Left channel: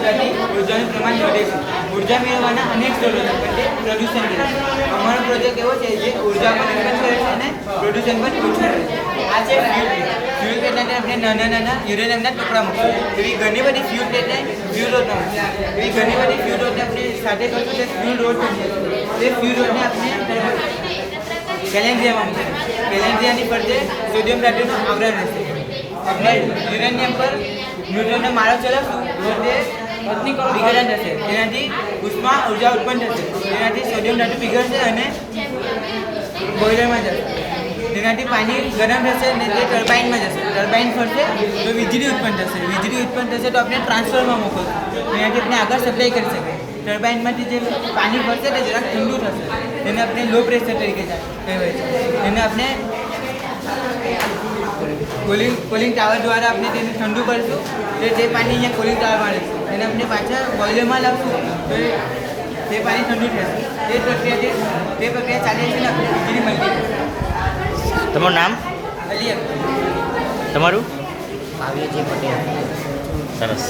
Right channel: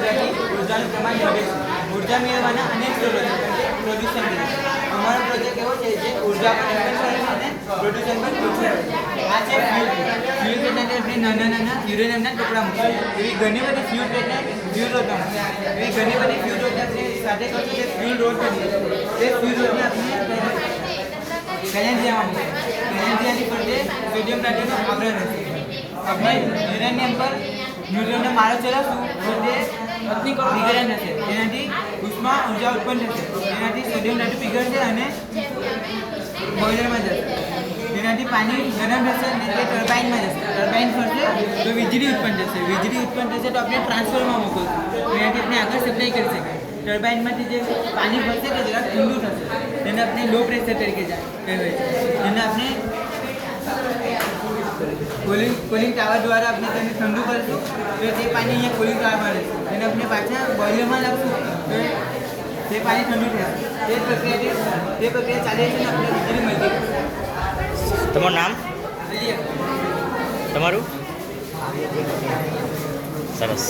કરવાથી ઉર્જાનું પ્રમાણ વધે છે. ઉર્જા મેળવવાના અનેક સ્ત્રોતો છે, પણ તે પ્રદૂષણ કરે છે. અમારો પ્રોજેક્ટ એવો છે જે ઉર્જા મેનેજમેન્ટ કરે છે અને પ્રદૂષણ પણ ઓછું કરે છે. આ છે ફ્યુલ પ્લેટને આપણે નાના નાના યુરેનિયમના ટુકડા મૂકીએ. એવી ઘણી બધી ફ્યુલ પ્લેટને ફ્યુલ રોડ એવી ઘણી બધી ફ્યુલ રોડને આપણે સાથે કરીએ ફ્યુલ રોડ કરીએ. એ ફ્યુલ રોડને આપણે કેલેન્ડ્રિયાની ફરતે સોડિયમ ટાઇટેટનું આવરણ રહેશે. આપણે યુરેનિયમ પર ન્યુટ્રનનો મારો ચલાવશું તો તે વિઘટન થશે. તેનાથી ઉષ્મા ઉર્જા ઉત્પન્ન થશે. તેનાથી સોડિયમ ટાઇટેટ પીગળશે અને બોઇલરમાં જશે. તેનાથી પાણી ગરમ થશે અને તે ટર્બાઇનમાં જશે. ટર્બાઇન ફરશે તો વીજળી ઉત્પન્ન થશે. વીજળી ઉત્પન્ન થશે તો આપણે ટ્રાન્સફોર્મરમાં મોકલશું. તેનાથી આપણે આગળ સપ્લાય કરી શકાય. ટર્બાઇનમાંથી જે પાણી ફરશે તે જરાક ઠંડુ થશે. તેને આપણે લો પ્રેશર તરીકે કહેવાય છે. તેને આપણે કુલિંગ ટાવર દ્વારા આપણે તેને ઠંડુ કરીશું તો તે પાણી અહીંયા કુલિંગ ટાવર મળે. તેને આપણે પાછા બોઇલરમાં લાવશું તો તે પાણી ઠંડુ થશે. તે પ્રક્રિયા ચાલે છે ને આપણે વીજળી મળતી. તમારું નામ? અલી તમારું? આવીએ છીએ પટેલ. સરસ.